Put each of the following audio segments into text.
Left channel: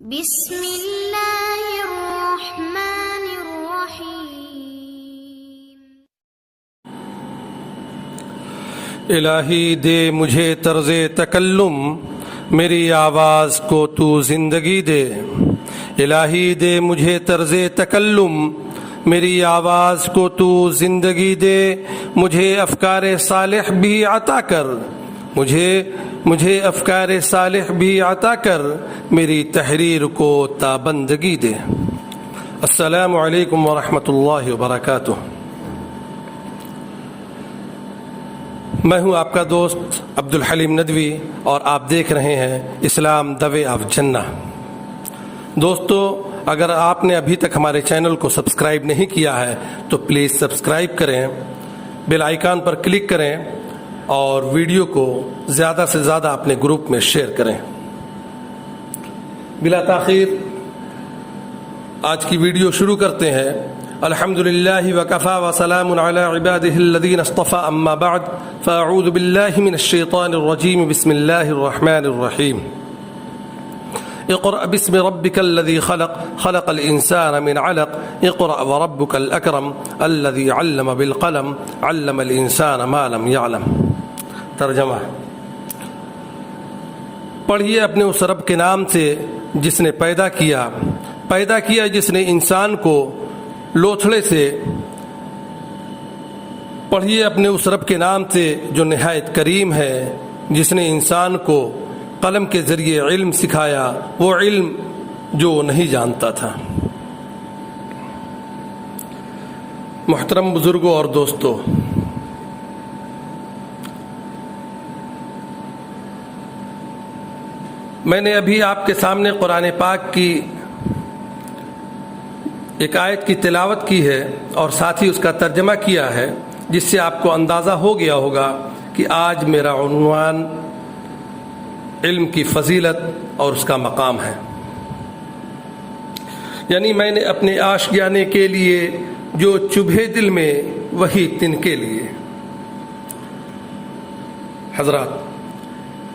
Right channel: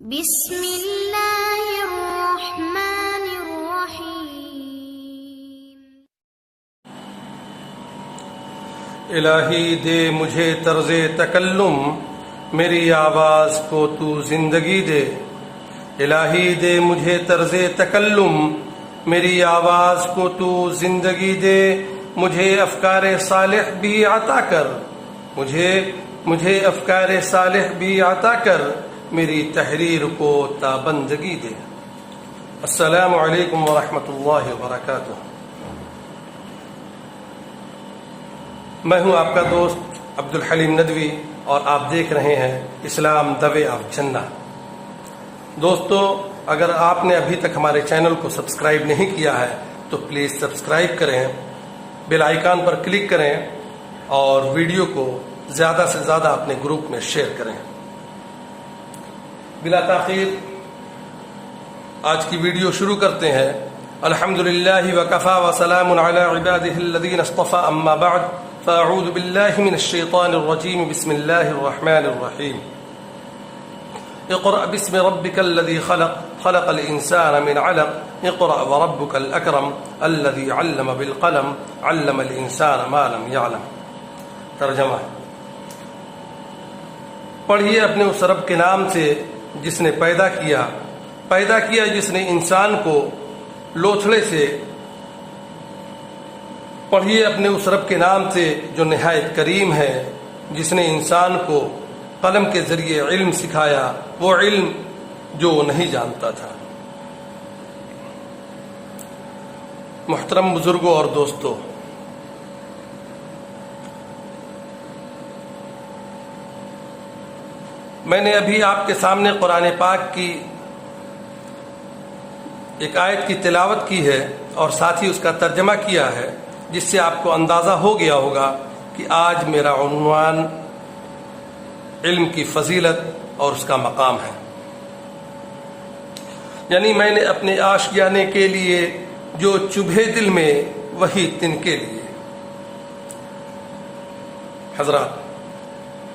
بسم اللہ الرحمن الرحیم۔ الہی دے مجھے طرز تکلم، میری آواز کو تو زندگی دے۔ الہی دے مجھے طرز تکلم، میری آواز کو تو زندگی دے۔ مجھے افکار صالح بھی عطا کر، مجھے افکار صالح بھی عطا کر، میری تحریر کو تابندگی دے۔ السلام علیکم ورحمۃ اللہ وبرکاتہ۔ میں ہوں آپ کا دوست عبدالحلیم ندوی اور آپ دیکھ رہے ہیں اسلام دی وے آف جنہ۔ دوستو، اگر آپ نے ابھی تک ہمارے چینل کو سبسکرائب نہیں کیا ہے تو پلیز سبسکرائب کریں، بیل آئیکن پر کلک کریں اور ویڈیو کو زیادہ سے زیادہ اپنے گروپ میں شیئر کریں۔ بلا تاخیر آج کی ویڈیو شروع کرتے ہیں۔ الحمدللہ وکفی وسلام علی عبادہ الذین اصطفی، اما بعد فاعوذ باللہ من الشیطان الرجیم، بسم اللہ الرحمن الرحیم۔ اقرأ باسم ربک الذی خلق، خلق الانسان من علق، اقرأ وربک الاکرم الذی علم بالقلم، علم الانسان ما لم یعلم۔ ترجمہ: پڑھیے اپنے اس رب کے نام سے جس نے پیدا کیا جس نے انسان کو لوتھڑے سے۔ پڑھیے اپنے اس رب کے نام سے جو نہایت کریم ہے، جس نے انسان کو قلم کے ذریعے علم سکھایا، وہ علم جو نہیں جانتا تھا۔ محترم بزرگوں اور دوستوں، میں نے ابھی آپ کے سامنے قرآن پاک کی ایک آیت کی تلاوت کی ہے اور ساتھ ہی اس کا ترجمہ کیا ہے، جس سے آپ کو اندازہ ہو گیا ہوگا کہ آج میرا عنوان علم کی فضیلت اور اس کا مقام ہے۔ یعنی میں نے اپنے آشیانے کے لیے جو چبھے دل میں وہی تن کے لیے۔ حضرات،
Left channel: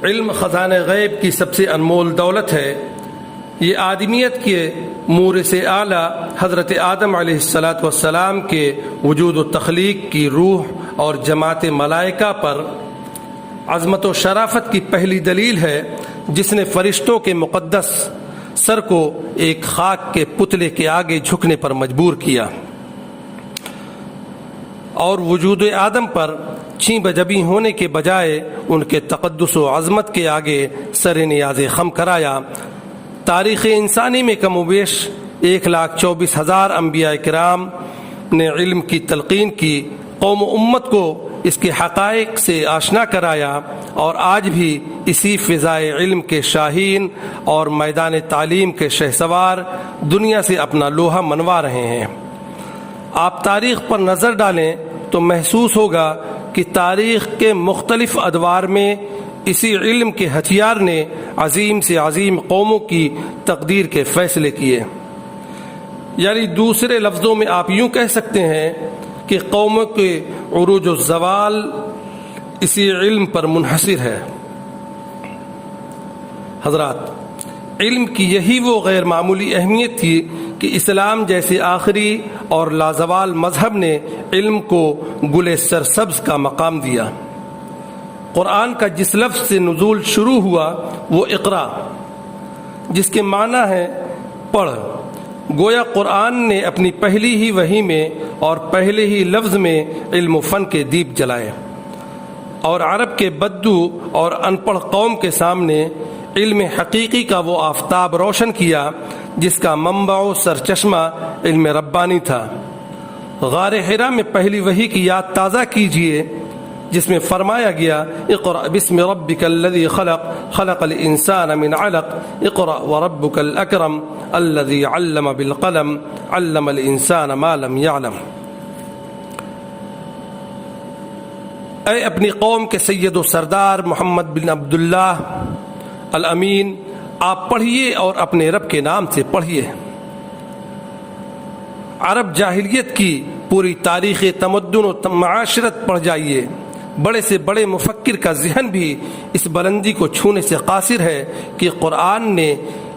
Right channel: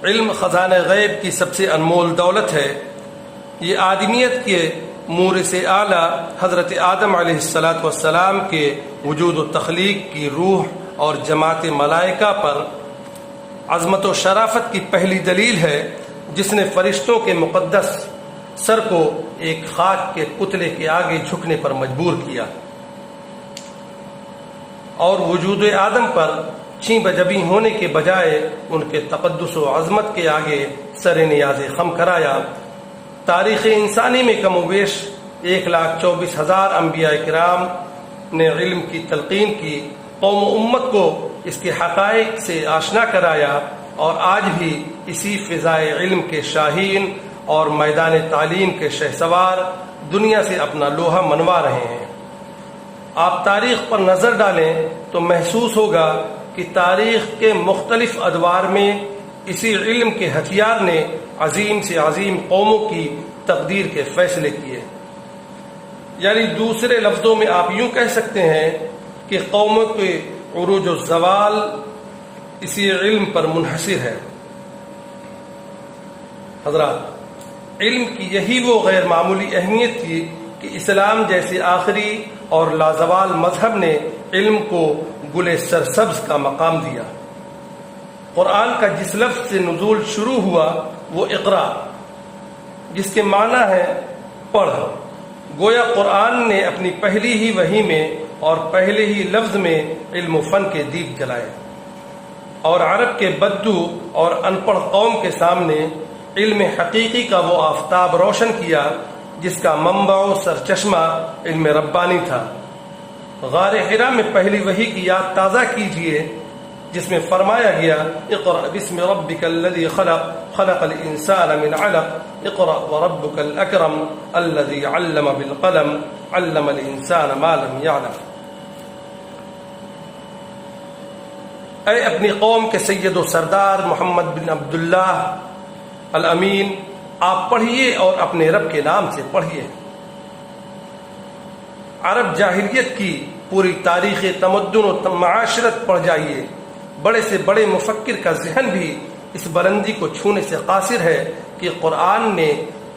علم خزانہ غیب کی سب سے انمول دولت ہے۔ یہ آدمیت کے مورث اعلیٰ حضرت آدم علیہ السلام کے وجود و تخلیق کی روح اور جماعت ملائکہ پر عظمت و شرافت کی پہلی دلیل ہے، جس نے فرشتوں کے مقدس سر کو ایک خاک کے پتلے کے آگے جھکنے پر مجبور کیا اور وجود آدم پر چیں بجبی ہونے کے بجائے ان کے تقدس و عظمت کے آگے سر نیاز خم کرایا۔ تاریخ انسانی میں کم و بیش 1,24,000 انبیاء کرام نے علم کی تلقین کی، قوم و امت کو اس کے حقائق سے آشنا کرایا، اور آج بھی اسی فضائے علم کے شاہین اور میدان تعلیم کے شہسوار دنیا سے اپنا لوہا منوا رہے ہیں۔ آپ تاریخ پر نظر ڈالیں تو محسوس ہوگا کہ تاریخ کے مختلف ادوار میں اسی علم کے ہتھیار نے عظیم سے عظیم قوموں کی تقدیر کے فیصلے کیے۔ یعنی دوسرے لفظوں میں آپ یوں کہہ سکتے ہیں کہ قوموں کے عروج و زوال اسی علم پر منحصر ہے۔ حضرات، علم کی یہی وہ غیر معمولی اہمیت تھی کہ اسلام جیسے آخری اور لازوال مذہب نے علم کو گل سرسبز کا مقام دیا۔ قرآن کا جس لفظ سے نزول شروع ہوا وہ اقرا، جس کے معنی ہے پڑھ۔ گویا قرآن نے اپنی پہلی ہی وحی میں اور پہلے ہی لفظ میں علم و فن کے دیپ جلائے، اور عرب کے بدو اور ان پڑھ قوم کے سامنے علم حقیقی کا وہ آفتاب روشن کیا جس کا منبع و سرچشمہ علم ربانی تھا۔ غار حرا میں پہلی وحی کی یاد تازہ کیجیے، جس میں فرمایا گیا اقرأ باسم ربک الذی خلق، خلق الانسان من علق، اقرأ وربک الاکرم الذی علم بالقلم، علم الانسان ما لم یعلم۔ اے اپنی قوم کے سید و سردار محمد بن عبداللہ الامین، آپ پڑھیے اور اپنے رب کے نام سے پڑھیے۔ عرب جاہلیت کی پوری تاریخ تمدن و معاشرت پڑھ جائیے۔ بڑے سے بڑے مفکر کا ذہن بھی اس بلندی کو چھونے سے قاصر ہے کہ قرآن نے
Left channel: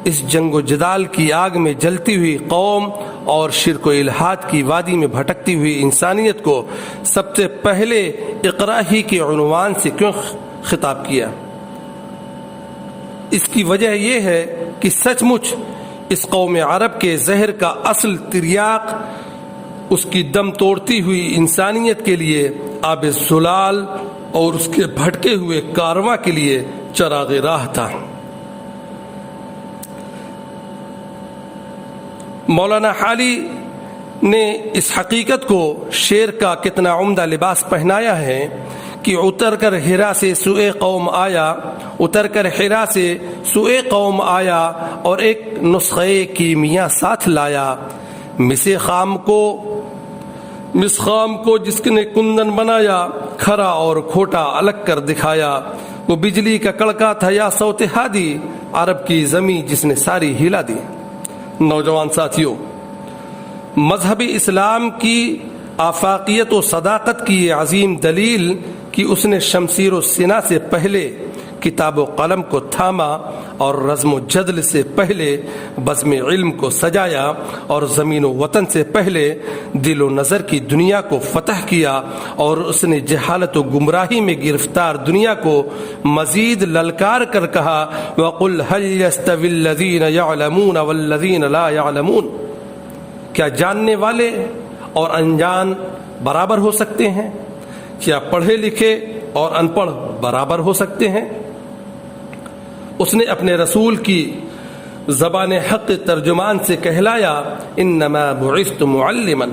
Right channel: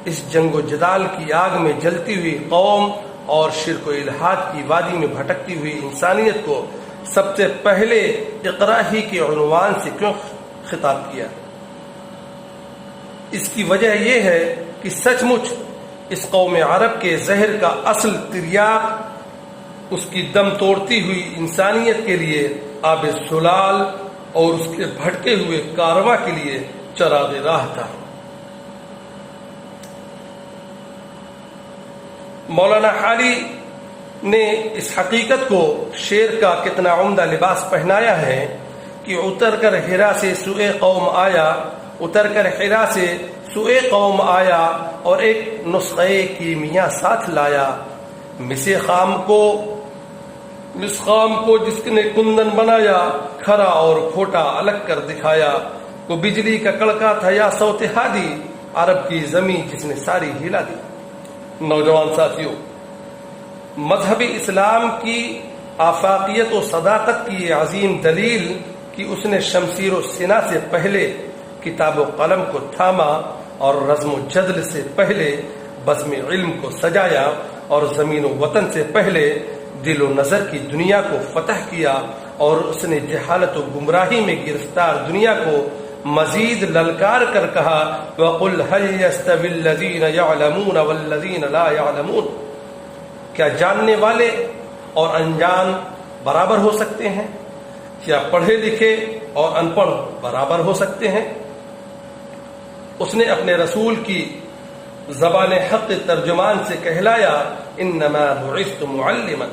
اس جنگ و جدال کی آگ میں جلتی ہوئی قوم اور شرک و الحاد کی وادی میں بھٹکتی ہوئی انسانیت کو سب سے پہلے اقرا ہی کے عنوان سے کیوں خطاب کیا؟ اس کی وجہ یہ ہے کہ سچ مچ اس قوم عرب کے زہر کا اصل تریاق اس کی دم توڑتی ہوئی انسانیت کے لیے آب زلال اور اس کے بھٹکے ہوئے کارواں کے لیے چراغ راہ تھا۔ مولانا حالی نے اس حقیقت کو شعر کا کتنا عمدہ لباس پہنایا ہے کہ اتر کر حرا سے سوئے قوم آیا اور ایک نسخے کیمیا ساتھ لایا، مس خام کو جس نے کندن بنایا، کھرا اور کھوٹا الگ کر دکھایا، وہ بجلی کا کڑکا تھا یا صوت ہادی، عرب کی زمین جس نے ساری ہلا دی۔ نوجوان ساتھیوں، مذہب اسلام کی آفاقیت و صداقت کی یہ عظیم دلیل کہ اس نے شمشیر و سنا سے پہلے کتاب و قلم کو تھاما اور رزم و جدل سے پہلے بزم علم کو سجایا اور زمین و وطن سے پہلے دل و نظر کی دنیا کو فتح کیا، اور اس نے جہالت و گمراہی میں گرفتار دنیا کو مزید للکار کر کہا وَقُلْ هَلْ يَسْتَوِي الَّذِينَ يَعْلَمُونَ وَالَّذِينَ لَا يَعْلَمُونَ، کیا جاننے والے اور انجان برابر ہو سکتے ہیں؟ کیا پڑھے لکھے اور ان پڑھ برابر ہو سکتے ہیں؟ اس نے اپنے رسول کی زبان حق ترجمان سے کہلایا انما بعثت معلما،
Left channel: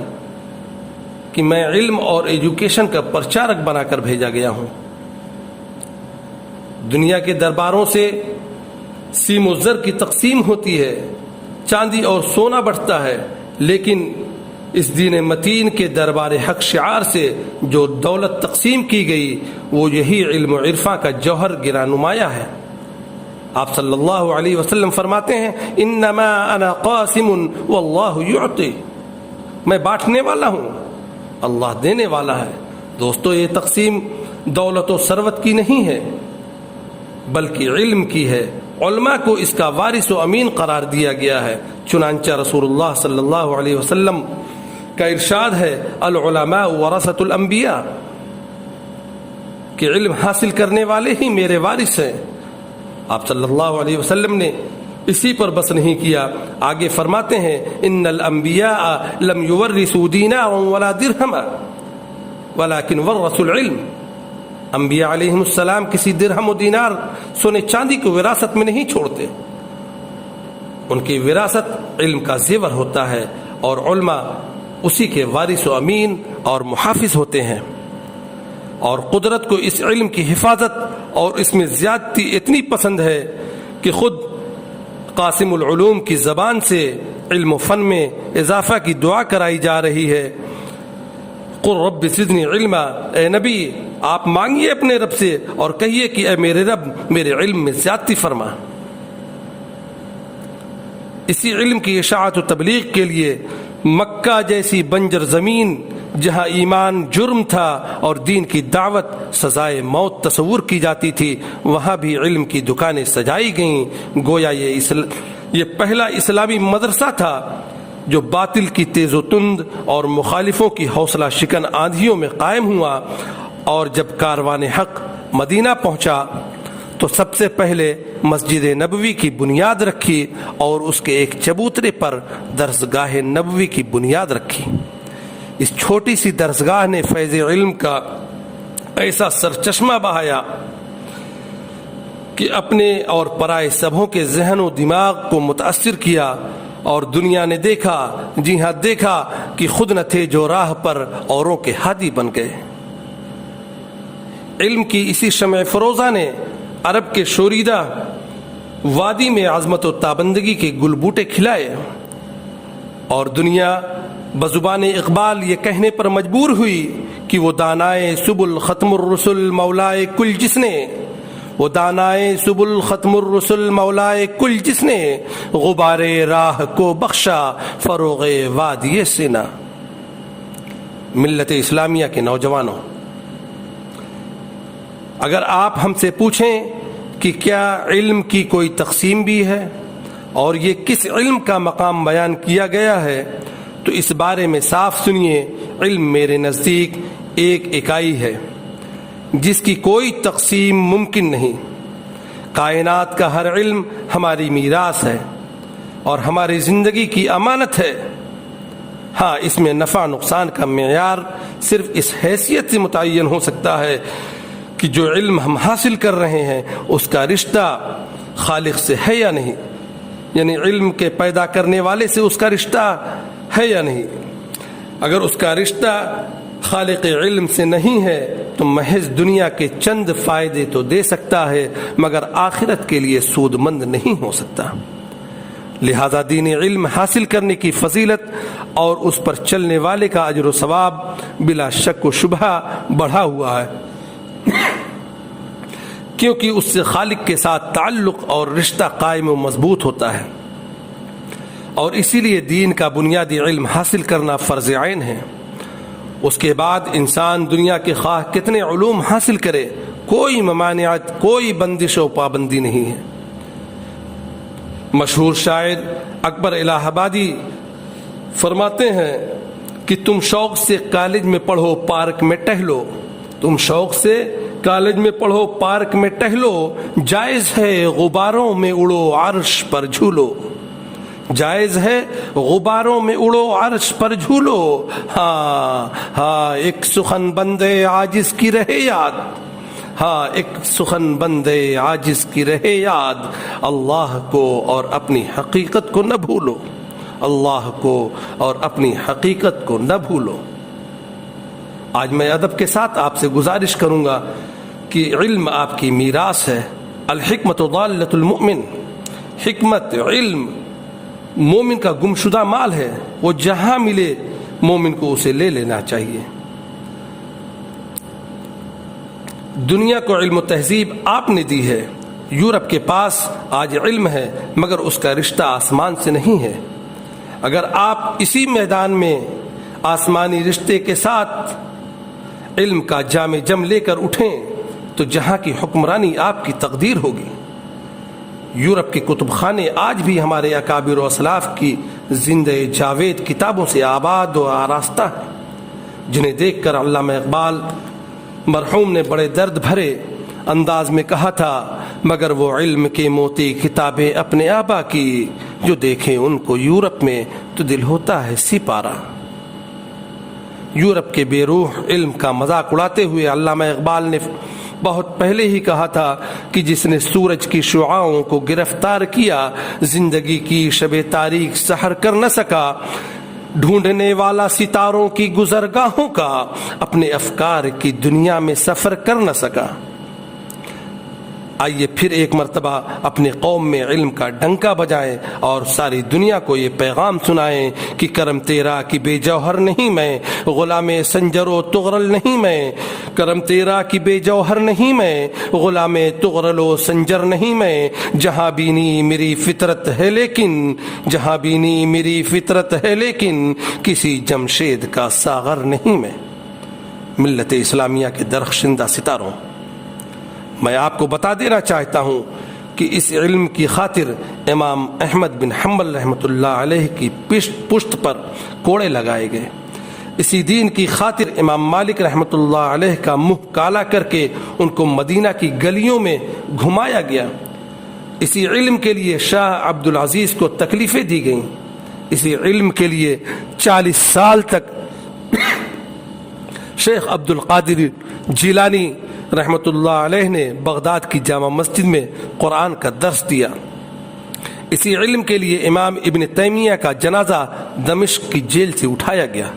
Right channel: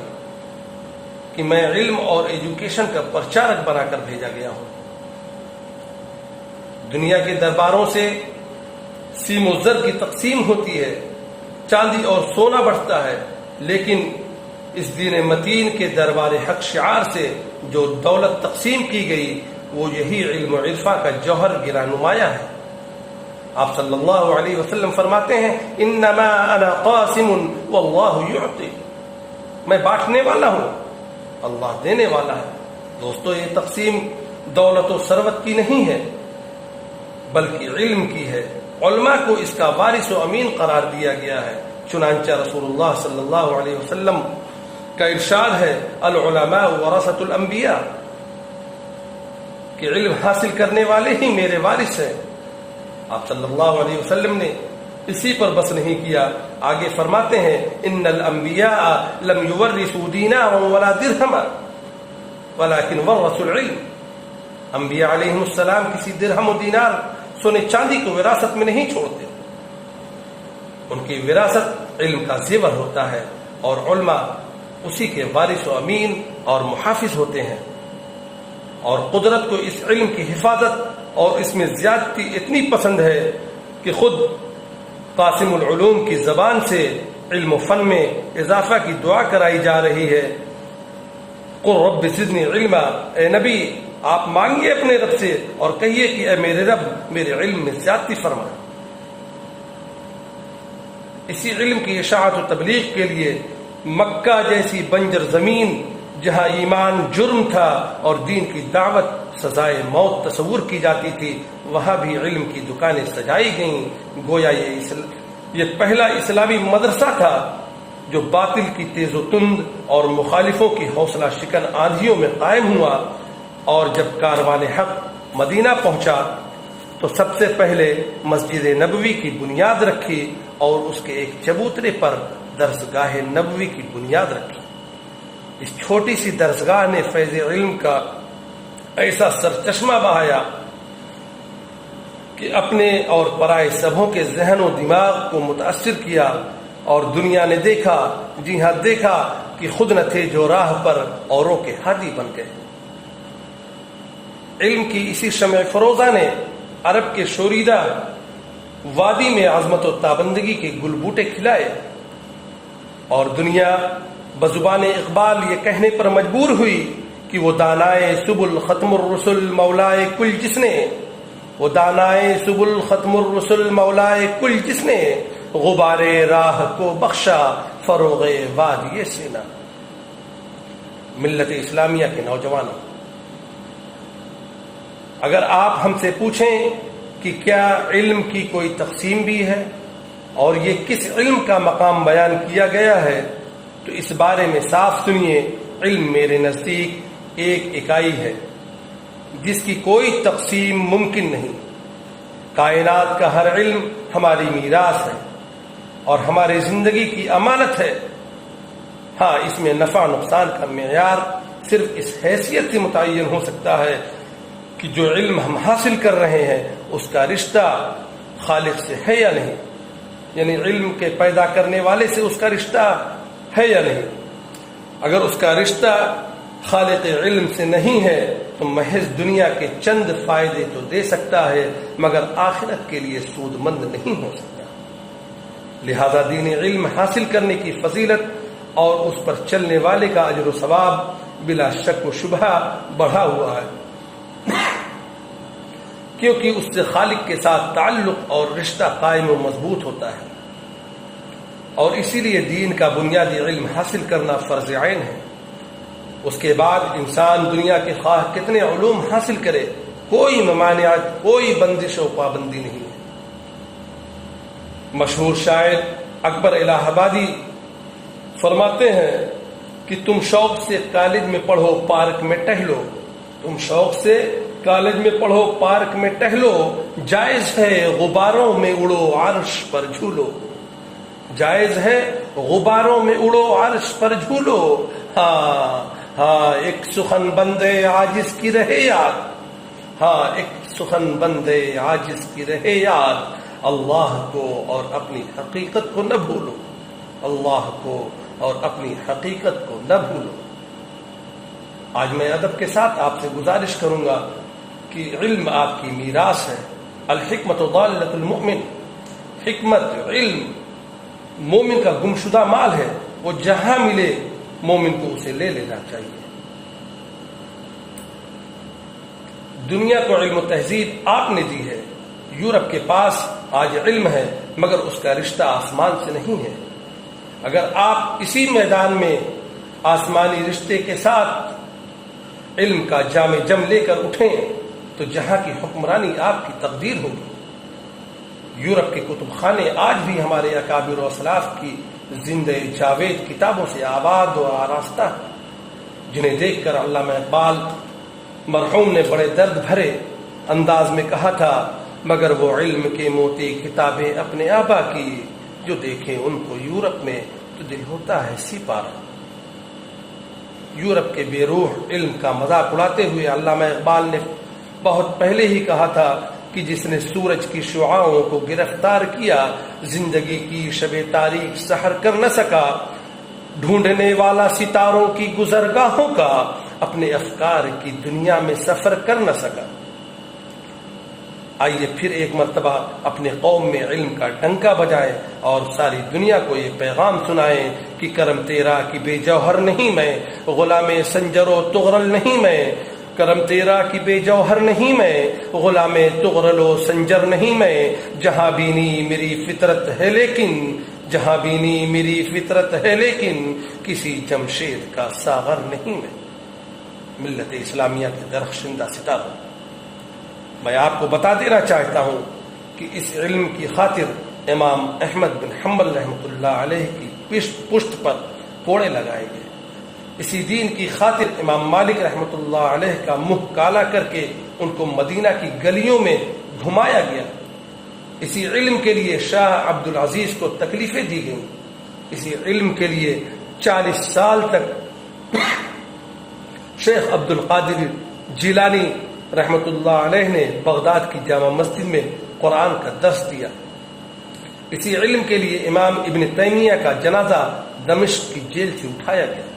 کہ میں علم اور ایجوکیشن کا پرچارک بنا کر بھیجا گیا ہوں۔ دنیا کے درباروں سے سیم و زر کی تقسیم ہوتی ہے، چاندی اور سونا بڑھتا ہے، لیکن اس دین متین کے دربار حق شعار سے جو دولت تقسیم کی گئی وہ یہی علم و عرفاں کا جوہر گرا نمایاں ہے۔ آپ صلی اللہ علیہ وسلم فرماتے ہیں انما انا قاسم واللہ یعطی، میں بانٹنے والا ہوں، اللہ دینے والا ہے۔ دوستو، یہ تقسیم دولت و ثروت کی نہیں ہے بلکہ علم کی ہے۔ علماء کو اس کا وارث و امین قرار دیا گیا ہے، چنانچہ رسول اللہ صلی اللہ علیہ وسلم کا ارشاد ہے العلماء ورثۃ الانبیاء، کہ علم حاصل کرنے والے ہی میرے وارث ہیں۔ آپ صلی اللہ علیہ وسلم نے اسی پر بس نہیں کیا، آگے فرماتے ہیں ان الانبیاء لم یورثوا دینارا ولا درہما ولکن ورثوا العلم، انبیاء علیہ السلام کسی درہم و دینار سونے چاندی کو وراثت میں نہیں چھوڑتے، ان کی وراثت علم کا زیور ہوتا ہے، اور علماء اسی کے وارث و امین اور محافظ ہوتے ہیں۔ اور قدرت کو اس علم کی حفاظت اور اس میں زیادتی اتنی پسند ہے کہ خود قاسم العلوم کی زبان سے علم و فن میں اضافہ کی دعا کرائی جا رہی ہے۔ قل رب زدنی علما، اے نبی آپ مانگیے اپنے رب سے اور کہیے کہ اے میرے رب میرے علم میں زیادتی فرما۔ اسی علم کی اشاعت و تبلیغ کے لیے مکہ جیسی بنجر زمین جہاں ایمان جرم تھا اور دین کی دعوت سزائے موت تصور کی جاتی تھی، وہاں بھی علم کی دکانیں سجائی گئیں، گویا یہ پہلا اسلامی مدرسہ تھا جو باطل کی تیز و تند اور مخالفوں کی حوصلہ شکن آندھیوں میں قائم ہوا۔ اور جب کاروان حق مدینہ پہنچا تو سب سے پہلے مسجد نبوی کی بنیاد رکھی اور اس کے ایک چبوترے پر درسگاہ نبوی کی بنیاد رکھی۔ اس چھوٹی سی درسگاہ نے فیض علم کا ایسا سرچشمہ بہایا کہ اپنے اور پرائے سبھوں کے ذہن و دماغ کو متاثر کیا، اور دنیا نے دیکھا، جی ہاں دیکھا کہ خود نہ تھے جو راہ پر اوروں کے ہادی بن گئے۔ علم کی اسی شمع فروزہ نے عرب کے شوریدہ وادی میں عظمت و تابندگی کے گل بوٹے کھلائے، اور دنیا بزبان اقبال یہ کہنے پر مجبور ہوئی کہ وہ دانائے سبل ختم الرسل مولائے کل جس نے، وہ دانائے سبل ختم الرسل مولائے کل جس نے، غبار راہ کو بخشا فروغ وادی سینا۔ ملت اسلامیہ کے نوجوانوں، اگر آپ ہم سے پوچھیں کہ کیا علم کی کوئی تقسیم بھی ہے، اور یہ کس علم کا مقام بیان کیا گیا ہے تو اس بارے میں صاف سنیے، علم میرے نزدیک ایک اکائی ہے جس کی کوئی تقسیم ممکن نہیں۔ کائنات کا ہر علم ہماری میراث ہے اور ہماری زندگی کی امانت ہے۔ ہاں، اس میں نفع نقصان کا معیار صرف اس حیثیت سے متعین ہو سکتا ہے کہ جو علم ہم حاصل کر رہے ہیں اس کا رشتہ خالق سے ہے یا نہیں، یعنی علم کے پیدا کرنے والے سے اس کا رشتہ ہے یا نہیں۔ اگر اس کا رشتہ خالق علم سے نہیں ہے تو محض دنیا کے چند فائدے تو دے سکتا ہے مگر آخرت کے لیے سود مند نہیں ہو سکتا۔ لہذا دین علم حاصل کرنے کی فضیلت اور اس پر چلنے والے کا اجر و ثواب بلا شک و شبہ بڑھا ہوا ہے، کیونکہ اس سے خالق کے ساتھ تعلق اور رشتہ قائم و مضبوط ہوتا ہے، اور اسی لیے دین کا بنیادی علم حاصل کرنا فرض عین ہے۔ اس کے بعد انسان دنیا کے خواہ کتنے علوم حاصل کرے، کوئی ممانعت، کوئی بندش و پابندی نہیں ہے۔ مشہور شاعر اکبر الہ آبادی فرماتے ہیں کہ تم شوق سے کالج میں پڑھو، پارک میں ٹہلو، تم شوق سے کالج میں پڑھو، پارک میں ٹہلو، جائز ہے غباروں میں اڑو، عرش پر جھولو، جائز ہے غباروں میں اڑو، عرش پر جھولو۔ ہاں ہاں، ایک سخن بندے عاجز کی رہے یاد، ہاں ایک سخن بندے عاجز کی رہے یاد، اللہ کو اور اپنی حقیقت کو نہ بھولو، اللہ کو اور اپنی حقیقت کو نہ بھولو۔ آج میں ادب کے ساتھ آپ سے گزارش کروں گا کہ علم آپ کی میراث ہے۔ الحکمت ضالۃ المؤمن، حکمت، علم مومن کا گمشدہ مال ہے، وہ جہاں ملے مومن کو اسے لے لینا چاہیے۔ دنیا کو علم و تہذیب آپ نے دی ہے، یورپ کے پاس آج علم ہے مگر اس کا رشتہ آسمان سے نہیں ہے۔ اگر آپ اسی میدان میں آسمانی رشتے کے ساتھ علم کا جام جم لے کر اٹھیں تو جہاں کی حکمرانی آپ کی تقدیر ہوگی۔ یورپ کے کتب خانے آج بھی ہمارے اکابر و اسلاف کی زندہ جاوید کتابوں سے آباد و آراستہ، جنہیں دیکھ کر علامہ اقبال مرحوم نے بڑے درد بھرے انداز میں کہا تھا، مگر وہ علم کے موتی کتابیں اپنے آبا کی، جو دیکھیں ان کو یورپ میں تو دل ہوتا ہے سپارہ۔ یورپ کے بے روح علم کا مذاق اڑاتے ہوئے علامہ اقبال نے بہت پہلے ہی کہا تھا کہ جس نے سورج کی شعاعوں کو گرفتار کیا، زندگی کی شب تاریک سحر کر نہ سکا، ڈھونڈنے والا ستاروں کی گزرگاہوں کا اپنے افکار کی دنیا میں سفر کر نہ سکا۔ آئیے پھر ایک مرتبہ اپنے قوم میں علم کا ڈنکا بجائیں اور ساری دنیا کو یہ پیغام سنائیں کہ کرم تیرا کی بے جوہر نہیں میں، غلام سنجر و تغرل نہیں میں، کرم تیرا کی بے جوہر نہیں میں، غلام تغرل و سنجر نہیں میں، جہاں بینی میری فطرت ہے لیکن، جہاں بینی میری فطرت ہے لیکن، کسی جمشید کا ساغر نہیں میں۔ ملت اسلامیہ کے درخشندہ ستاروں، میں آپ کو بتا دینا چاہتا ہوں کہ اس علم کی خاطر امام احمد بن حنبل رحمۃ اللہ علیہ کی پشت پر کوڑے لگائے گئے، اسی دین کی خاطر امام مالک رحمۃ اللہ علیہ کا منہ کالا کر کے ان کو مدینہ کی گلیوں میں گھمایا گیا، اسی علم کے لیے شاہ عبد العزیز کو تکلیفیں دی گئیں، اسی علم کے لیے 40 سال تک شیخ عبد القادر جیلانی رحمت اللہ علیہ نے بغداد کی جامع مسجد میں قرآن کا درس دیا، اسی علم کے لیے امام ابن تیمیہ کا جنازہ دمشق کی جیل سے اٹھایا گیا۔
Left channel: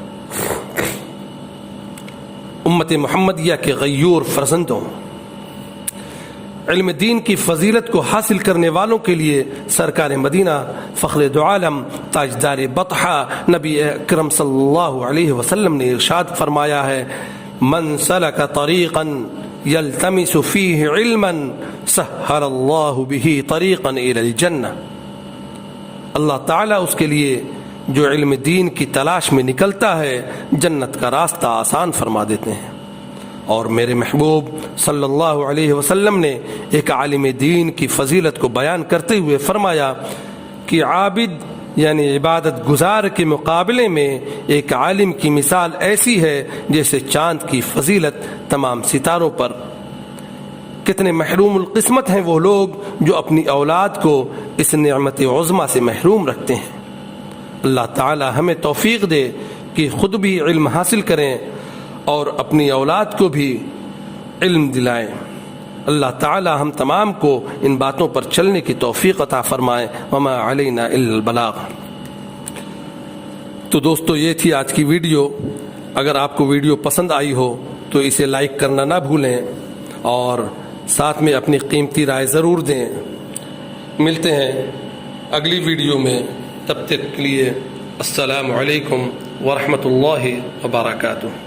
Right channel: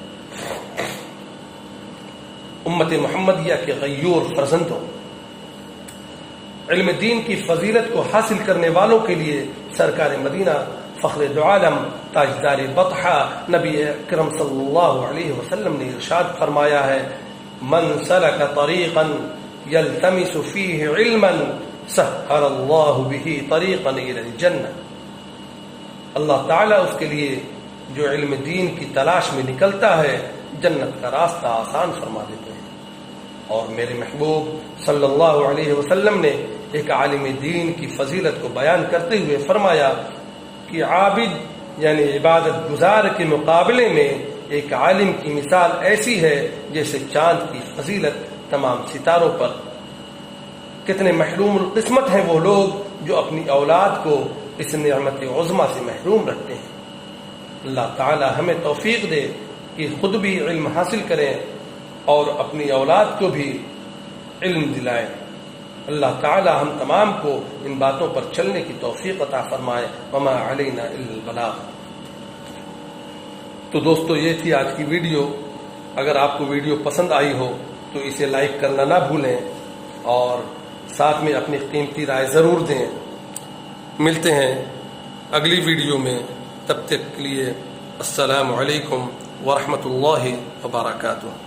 امت محمدیہ کے غیور فرزندوں، علم دین کی فضیلت کو حاصل کرنے والوں کے لیے سرکار مدینہ فخر دو عالم تاجدار بطحہ نبی اکرم صلی اللہ علیہ وسلم نے ارشاد فرمایا ہے، من سلک طریقا یلتمس فیہ علما سہل اللہ بہ طریقا الی الجنہ۔ اللہ تعالیٰ اس کے لیے جو علم دین کی تلاش میں نکلتا ہے جنت کا راستہ آسان فرما دیتے ہیں۔ اور میرے محبوب صلی اللہ علیہ وسلم نے ایک عالم دین کی فضیلت کو بیان کرتے ہوئے فرمایا کہ عابد یعنی عبادت گزار کے مقابلے میں ایک عالم کی مثال ایسی ہے جیسے چاند کی فضیلت تمام ستاروں پر۔ کتنے محروم القسمت ہیں وہ لوگ جو اپنی اولاد کو اس نعمت عظمیٰ سے محروم رکھتے ہیں۔ اللہ تعالی ہمیں توفیق دے کہ خود بھی علم حاصل کریں اور اپنی اولاد کو بھی علم دلائیں۔ اللہ تعالی ہم تمام کو ان باتوں پر چلنے کی توفیق عطا فرمائے۔ وما علینا الا البلاغ۔ تو دوستو یہ تھی آج کی ویڈیو۔ اگر آپ کو ویڈیو پسند آئی ہو تو اسے لائک کرنا نہ بھولیں اور ساتھ میں اپنی قیمتی رائے ضرور دیں۔ ملتے ہیں اگلی ویڈیو میں، تب تک کے لیے السلام علیکم ورحمۃ اللہ وبرکاتہ۔